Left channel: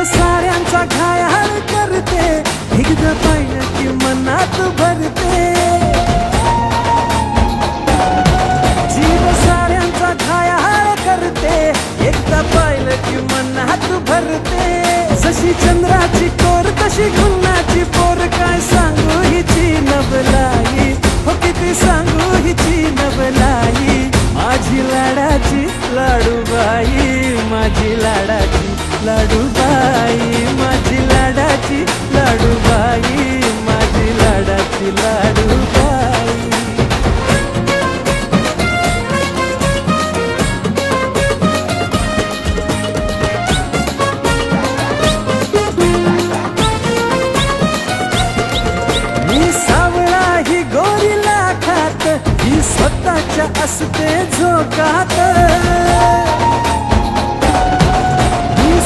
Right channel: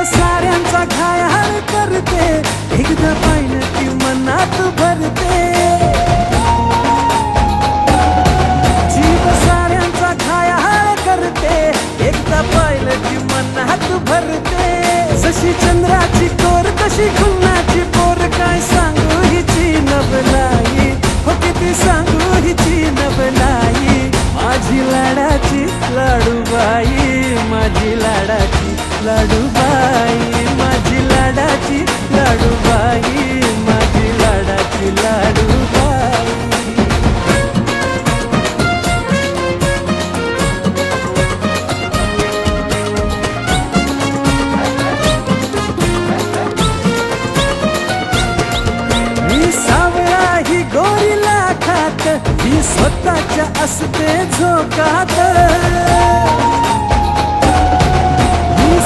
जीव साऱ्यांचा घायाळ करते, एकदा पाहिलं की मनात भरते. जीव साऱ्यांचा घायाळ करते, एकदा पाहिलं की मनात भरते. जशी चंद्राची कोर तशी गुन्हाची पोर, काय सांगू हिची नवलाई, हो किती सांगू हिची नवलाई. माझी लाडाची लाडूबाई, माझी लाडाची लाडूबाई, माझी लाडाची लाडूबाई, माझी लाडाची लाडूबाई. मी सावळा ही गोरीला खात, ही स्वतःच्या असते झोकात. मी